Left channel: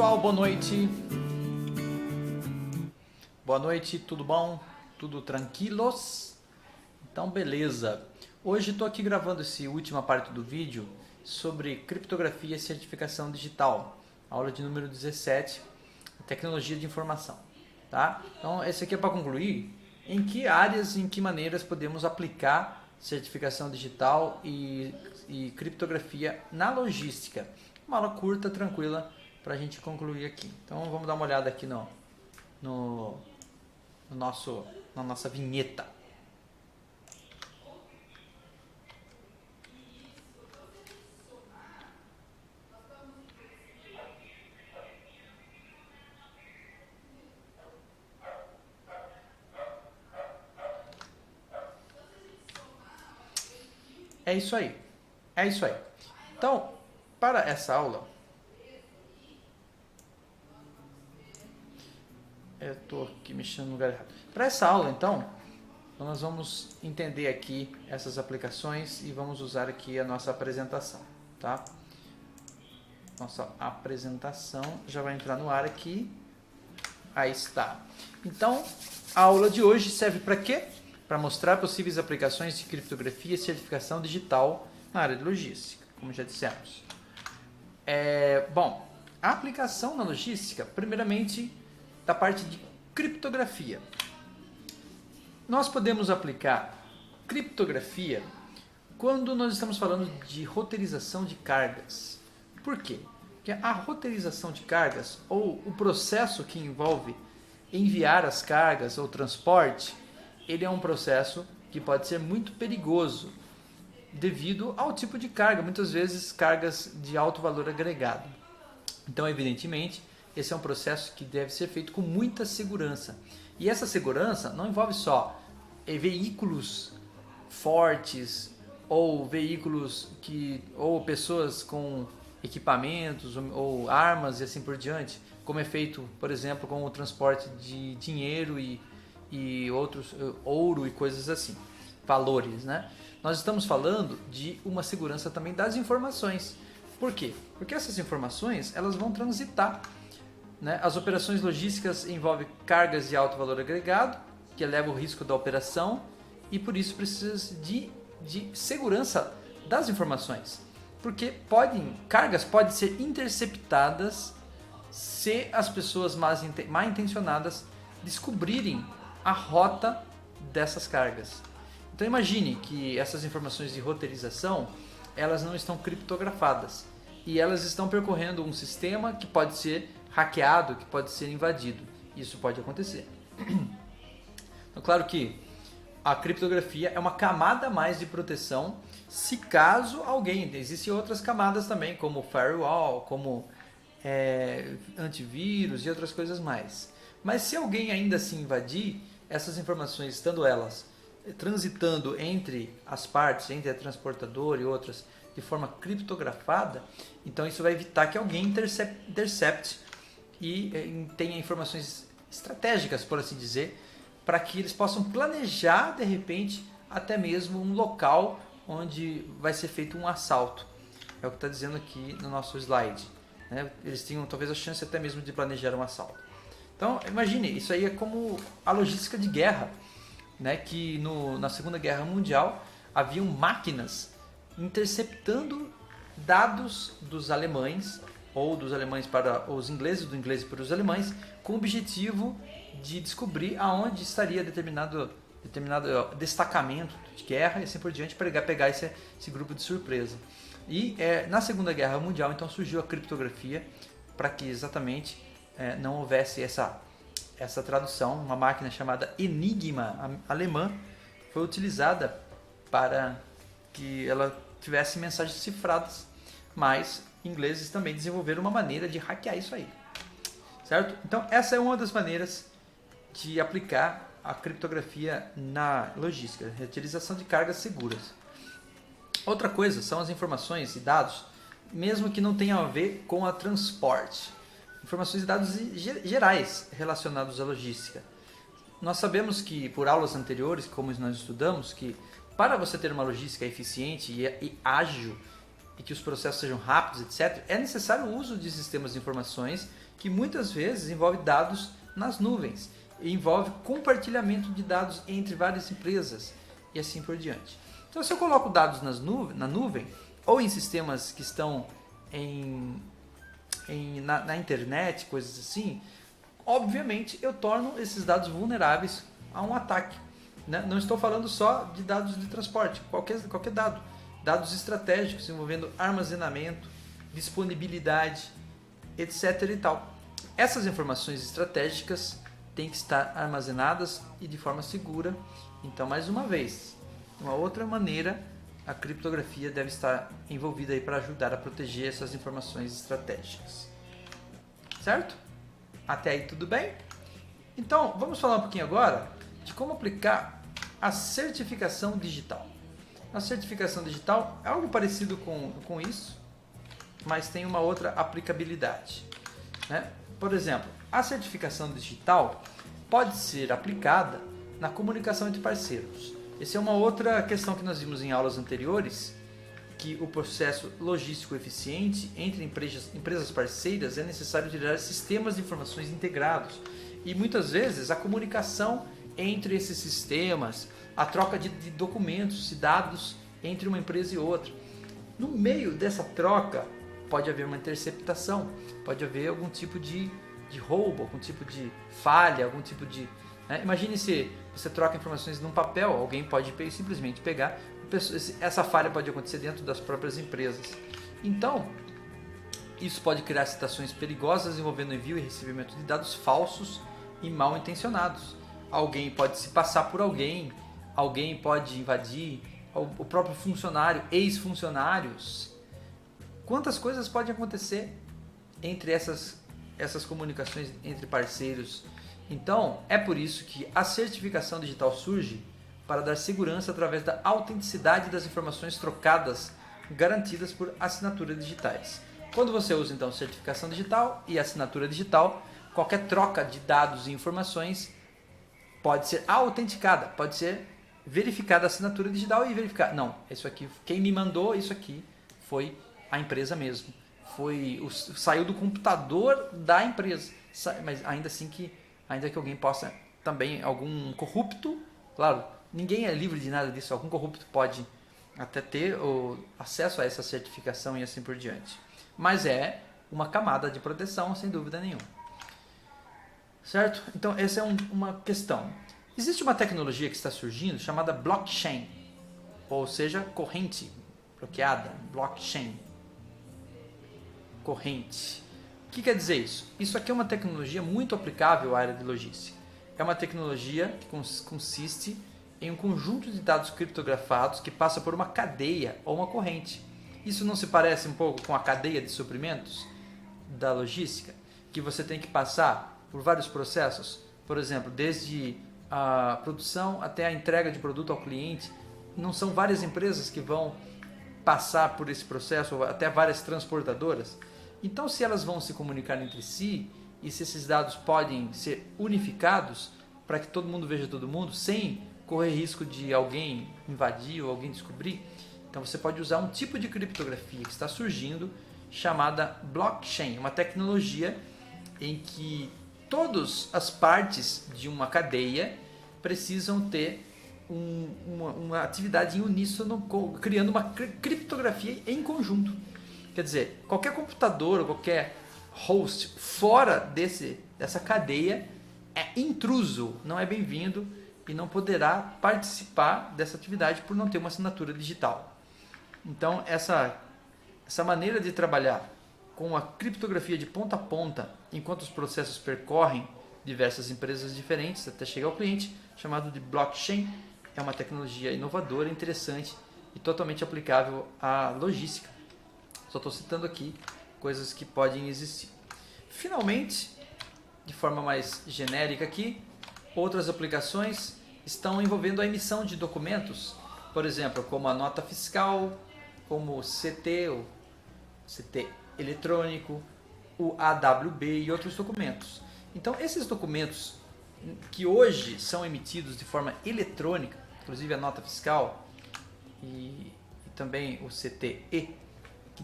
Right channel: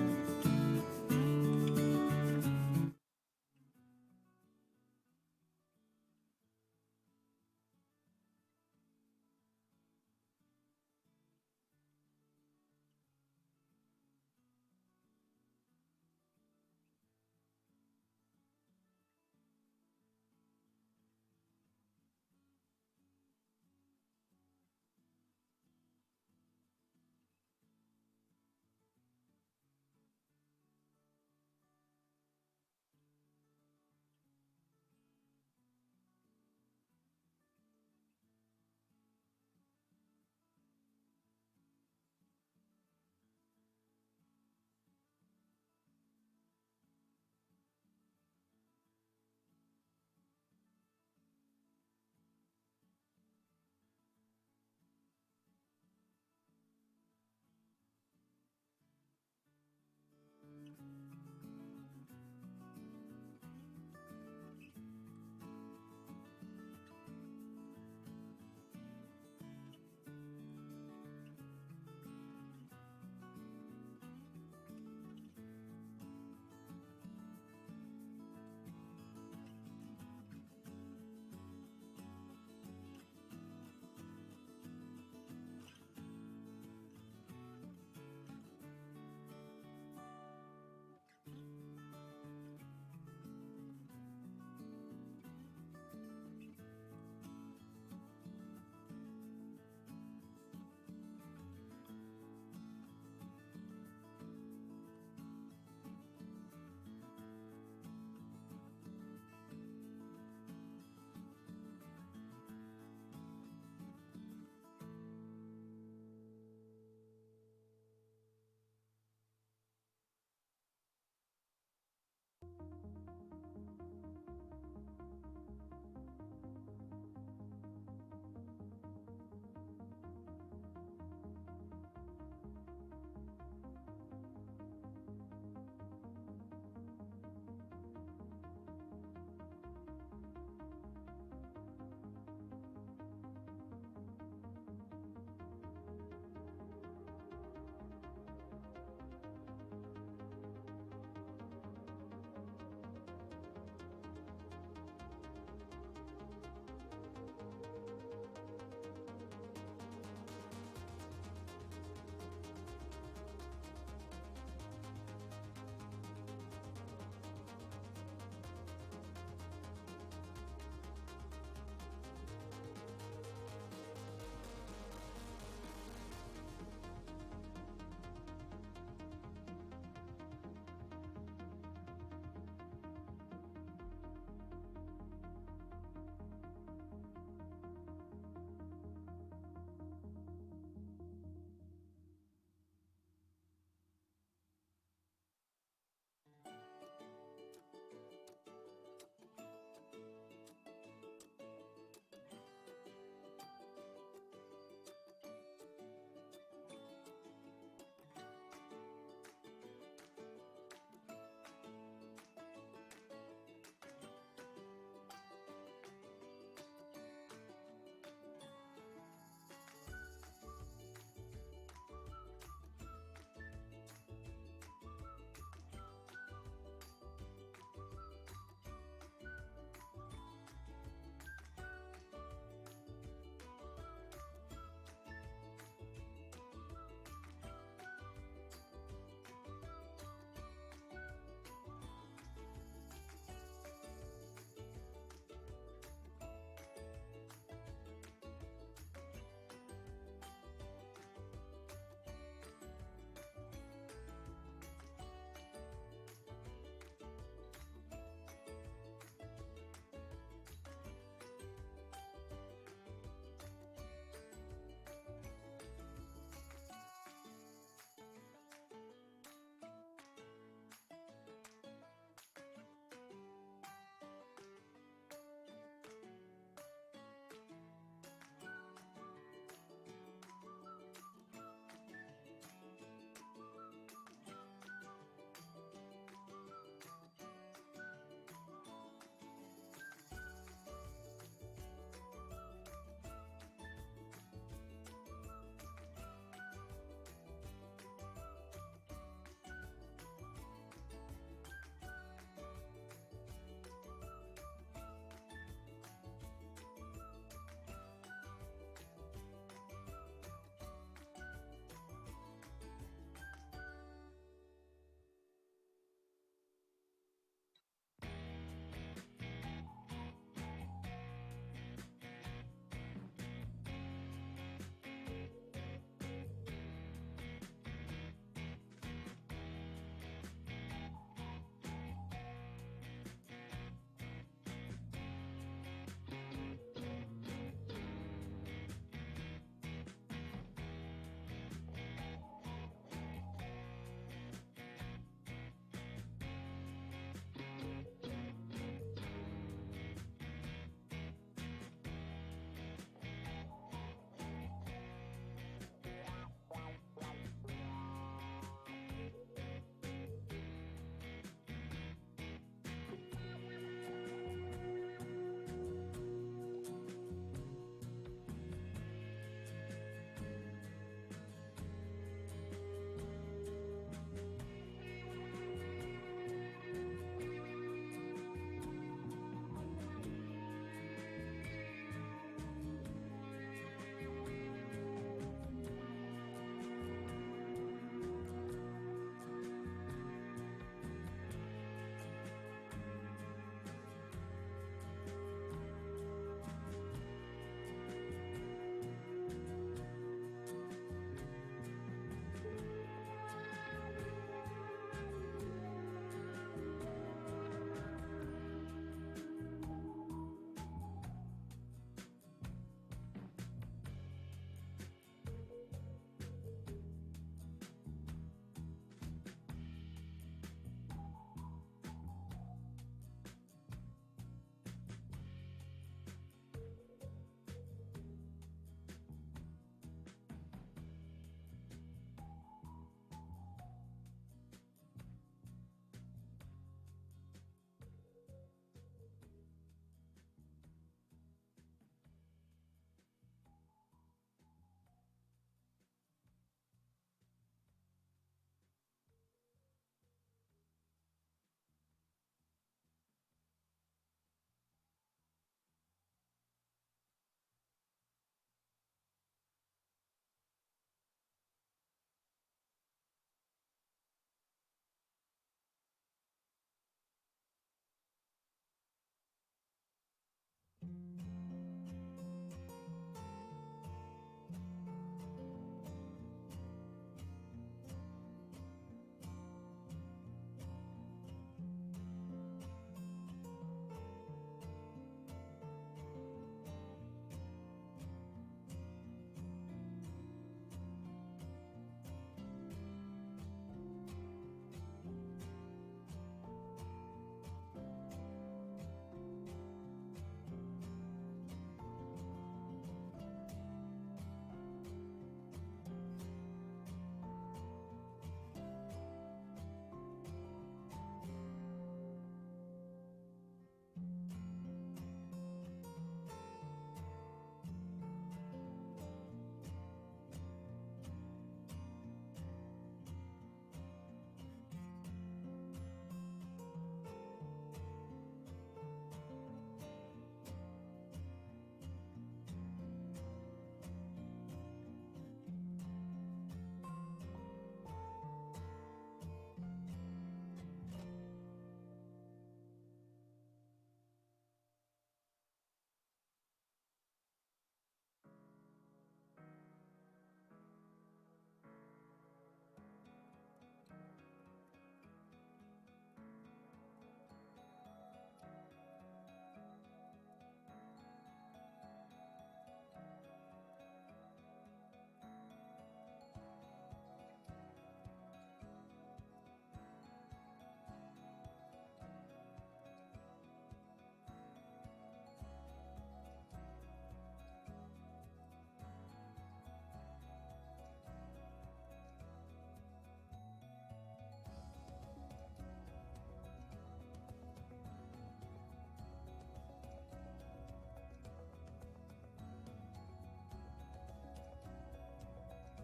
pessoal, boa noite. Boa noite, tudo bom? Tudo tranquilos? Então beleza. Hoje estou aqui gravando essa última parte do vídeo sobre criptografia e certificação digital. Aula de número 17, tecnologia de informação. Tá? Então esse aqui é para concluir em que áreas, em que maneiras podemos aplicar certificação digital e criptografia na logística. Uma aula curta, tranquila, para a gente concluir aqui. Então vamos dar uma olhada aqui na nossa vinheta. É isso aí. É isso aí. Então, para essa aula, eu estou aqui mexendo no lugar errado. Para essa aula, então, nós vamos entender aqui essas aplicações e vamos usar aqui a nossa apresentação, tá? Nossa apresentação já vai entrar no ar aqui. Aí está. Então, a aula de hoje serve para quê? Para mostrar possíveis aplicações de criptografia e certificação digital na área de logística, como já dissemos. Bom, a aplicação na logística, primeiramente, da parte de criptografia. Nós podemos aplicar criptografia quando nós estamos falando de roteirização de cargas. Por quê? Porque a roteirização de cargas, ou o processo que envolve enviar as cargas ou transporte, ele é um processo que pode ser muito perigoso devido ao tipo de carga, muitas vezes cargas de alto valor agregado. Então, evidentemente, esse é um processo que deve ser feito com muita segurança. E essa segurança não envolve só veículos fortes ou veículos ou pessoas com equipamentos ou armas e assim por diante, como é feito, por exemplo, com o transporte de dinheiro e outros, ouro e coisas assim, valores, né? Nós estamos falando de uma segurança também das informações. Por quê? Porque essas informações, elas vão transitar, né? As operações logísticas envolvem cargas de alto valor agregado, que eleva o risco da operação, e por isso precisa de segurança das informações. Porque cargas podem ser interceptadas se as pessoas mal intencionadas descobrirem a rota dessas cargas. Então imagine que essas informações de roteirização, elas não estão criptografadas e elas estão percorrendo um sistema que pode ser hackeado, que pode ser invadido. Isso pode acontecer. Então, claro que a criptografia é uma camada a mais de proteção, se caso existem outras camadas também, como firewall, como antivírus e outras coisas mais. Mas se alguém ainda se invadir, essas informações, estando elas transitando entre as partes, entre a transportadora e outras, de forma criptografada, então isso vai evitar que alguém intercepte e tenha informações estratégicas, por assim dizer, para que eles possam planejar, de repente, até mesmo um local onde vai ser feito um assalto. É o que está dizendo aqui no nosso slide, né? Eles tinham talvez a chance até mesmo de planejar um assalto. Então, imagine, isso aí é como a logística de guerra, né? Que na Segunda Guerra Mundial haviam máquinas interceptando dados dos alemães, ou dos alemães para os ingleses, do inglês para os alemães, com o objetivo de descobrir aonde estaria determinado destacamento de guerra e assim por diante, para pegar esse grupo de surpresa. E na Segunda Guerra Mundial, então, surgiu a criptografia para que exatamente não houvesse essa tradução. Uma máquina chamada Enigma alemã foi utilizada para que ela tivesse mensagens cifradas, mas ingleses também desenvolveram uma maneira de hackear isso aí, certo? Então essa é uma das maneiras de aplicar a criptografia na logística, reutilização de cargas seguras. Outra coisa são as informações e dados, mesmo que não tenham a ver com a transporte. Informações e dados gerais relacionados à logística. Nós sabemos que, por aulas anteriores, como nós estudamos, que para você ter uma logística eficiente e ágil, e que os processos sejam rápidos, etc., é necessário o uso de sistemas de informações que muitas vezes envolve dados nas nuvens, e envolve compartilhamento de dados entre várias empresas e assim por diante. Então, se eu coloco dados na nuvem ou em sistemas que estão na internet, coisas assim, obviamente eu torno esses dados vulneráveis a um ataque. Né? Não estou falando só de dados de transporte, qualquer dado. Dados estratégicos envolvendo armazenamento, disponibilidade, etc. e tal. Essas informações estratégicas têm que estar armazenadas e de forma segura. Então, mais uma vez, uma outra maneira, a criptografia deve estar envolvida aí para ajudar a proteger essas informações estratégicas. Certo? Até aí tudo bem? Então, vamos falar um pouquinho agora de como aplicar a certificação digital. A certificação digital é algo parecido com isso, mas tem uma outra aplicabilidade. Né? Por exemplo, a certificação digital pode ser aplicada na comunicação entre parceiros. Essa é uma outra questão que nós vimos em aulas anteriores, que o processo logístico eficiente entre empresas parceiras é necessário gerar sistemas de informações integrados. E muitas vezes a comunicação entre esses sistemas, a troca de documentos e dados entre uma empresa e outra. No meio dessa troca pode haver uma interceptação, pode haver algum tipo de roubo, algum tipo de falha, algum tipo de... Né? Imagine se você troca informações num papel, alguém pode simplesmente pegar, essa falha pode acontecer dentro das próprias empresas. Então, isso pode criar situações perigosas envolvendo envio e recebimento de dados falsos e mal intencionados. Alguém pode se passar por alguém pode invadir, o próprio funcionário, ex-funcionários. Quantas coisas podem acontecer entre essas comunicações entre parceiros? Então, é por isso que a certificação digital surge para dar segurança através da autenticidade das informações trocadas, garantidas por assinaturas digitais. Quando você usa então certificação digital e assinatura digital, qualquer troca de dados e informações pode ser autenticada, pode ser verificada a assinatura digital e verificar, não, isso aqui, quem me mandou isso aqui foi a empresa mesmo, saiu do computador da empresa, mas ainda que alguém possa também, algum corrupto, claro, ninguém é livre de nada disso, algum corrupto pode até ter o acesso a essa certificação e assim por diante, mas é uma camada de proteção sem dúvida nenhuma. Certo? Então essa é uma questão. Existe uma tecnologia que está surgindo chamada blockchain, ou seja, corrente bloqueada, blockchain, corrente. O que quer dizer isso? Isso aqui é uma tecnologia muito aplicável à área de logística. É uma tecnologia que consiste em um conjunto de dados criptografados que passa por uma cadeia ou uma corrente. Isso não se parece um pouco com a cadeia de suprimentos da logística? Que você tem que passar por vários processos, por exemplo, desde a produção até a entrega de produto ao cliente. Não são várias empresas que vão passar por esse processo, ou até várias transportadoras? Então, se elas vão se comunicar entre si e se esses dados podem ser unificados para que todo mundo veja todo mundo, sem correr risco de alguém invadir ou alguém descobrir, então você pode usar um tipo de criptografia que está surgindo chamada blockchain, uma tecnologia em que todas as partes de uma cadeia precisam ter uma atividade em uníssono, criando uma criptografia em conjunto. Quer dizer, qualquer computador ou qualquer host fora dessa cadeia é intruso, não é bem-vindo e não poderá participar dessa atividade por não ter uma assinatura digital. Então, essa maneira de trabalhar com a criptografia de ponta a ponta, enquanto os processos percorrem diversas empresas diferentes até chegar ao cliente, chamado de blockchain, é uma tecnologia inovadora, interessante e totalmente aplicável à logística. Só estou citando aqui coisas que podem existir. Finalmente, de forma mais genérica aqui, outras aplicações estão envolvendo a emissão de documentos, por exemplo, como a nota fiscal, como o CT eletrônico, o AWB e outros documentos. Então, esses documentos que hoje são emitidos de forma eletrônica, inclusive a nota fiscal e também o CTE,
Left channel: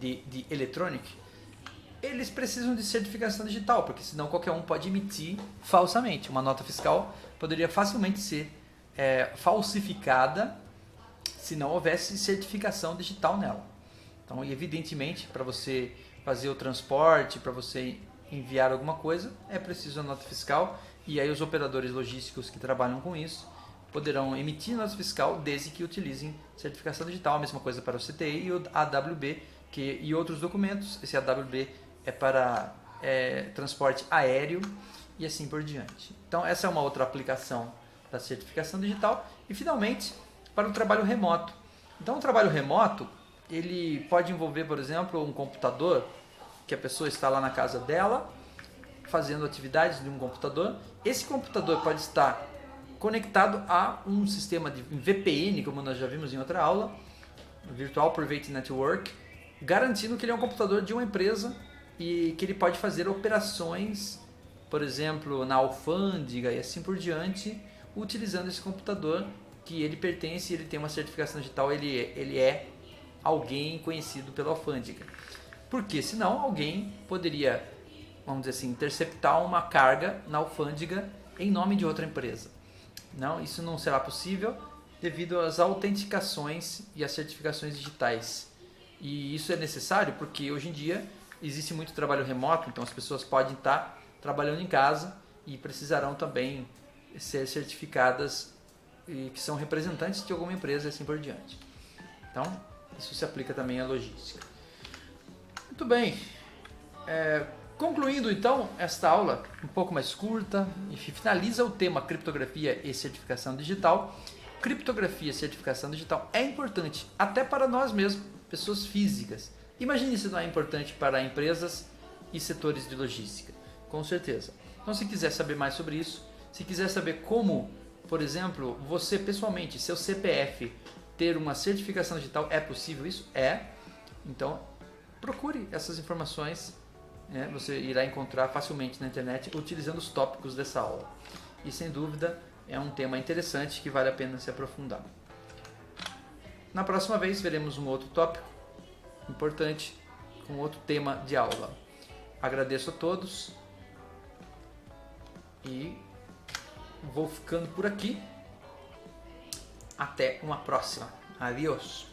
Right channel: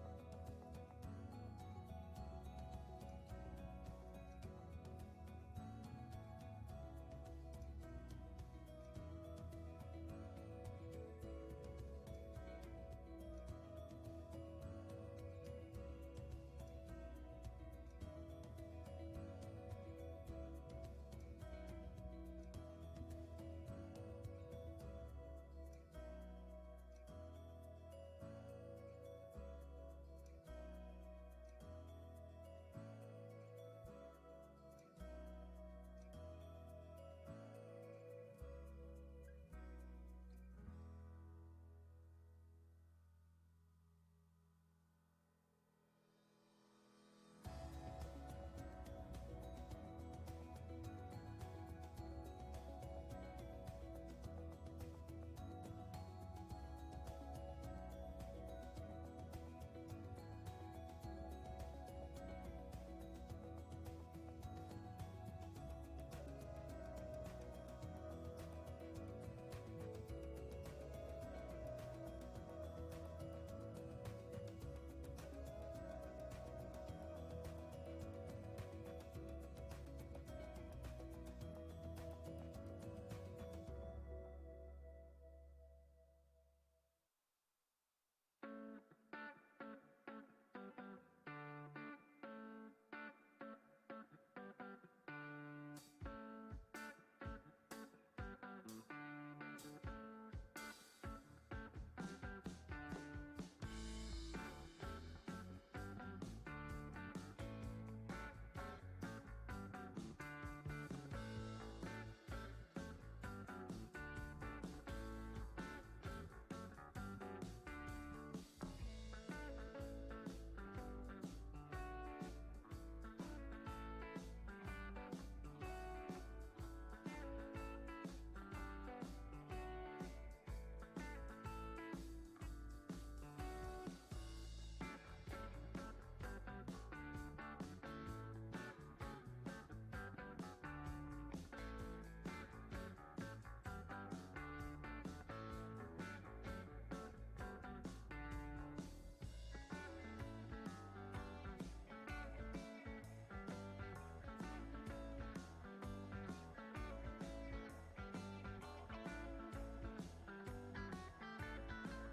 de Electronic, eles precisam de certificação digital, porque senão qualquer um pode emitir falsamente. Uma nota fiscal poderia facilmente ser falsificada se não houvesse certificação digital nela. Então, evidentemente, para você fazer o transporte, para você enviar alguma coisa, é preciso a nota fiscal, e aí os operadores logísticos que trabalham com isso poderão emitir nota fiscal desde que utilizem certificação digital. A mesma coisa para o CTI e o AWB e outros documentos. Esse AWB é para transporte aéreo e assim por diante. Então essa é uma outra aplicação da certificação digital. E finalmente, para o trabalho remoto. Então o trabalho remoto, ele pode envolver, por exemplo, um computador, que a pessoa está lá na casa dela, fazendo atividades de um computador. Esse computador pode estar conectado a um sistema de VPN, como nós já vimos em outra aula, Virtual Private Network, garantindo que ele é um computador de uma empresa e que ele pode fazer operações, por exemplo, na alfândega e assim por diante, utilizando esse computador que ele pertence, ele tem uma certificação digital, ele é alguém conhecido pela alfândega. Porque senão alguém poderia, vamos dizer assim, interceptar uma carga na alfândega em nome de outra empresa. Não, isso não será possível devido às autenticações e às certificações digitais. E isso é necessário porque hoje em dia existe muito trabalho remoto, então as pessoas podem estar trabalhando em casa e precisarão também ser certificadas e que são representantes de alguma empresa e assim por diante. Então, isso se aplica também à logística. Muito bem. Concluindo então esta aula um pouco mais curta, e finaliza o tema criptografia e certificação digital. Criptografia e certificação digital é importante até para nós mesmos, pessoas físicas. Imagine se não é importante para empresas e setores de logística, com certeza. Então, se quiser saber mais sobre isso, se quiser saber como, por exemplo, você pessoalmente, seu CPF, ter uma certificação digital, é possível isso? É. Então, procure essas informações, né? Você irá encontrar facilmente na internet utilizando os tópicos dessa aula. E sem dúvida é um tema interessante que vale a pena se aprofundar. Na próxima vez veremos um outro tópico importante com outro tema de aula. Agradeço a todos e vou ficando por aqui. Até uma próxima. Adiós.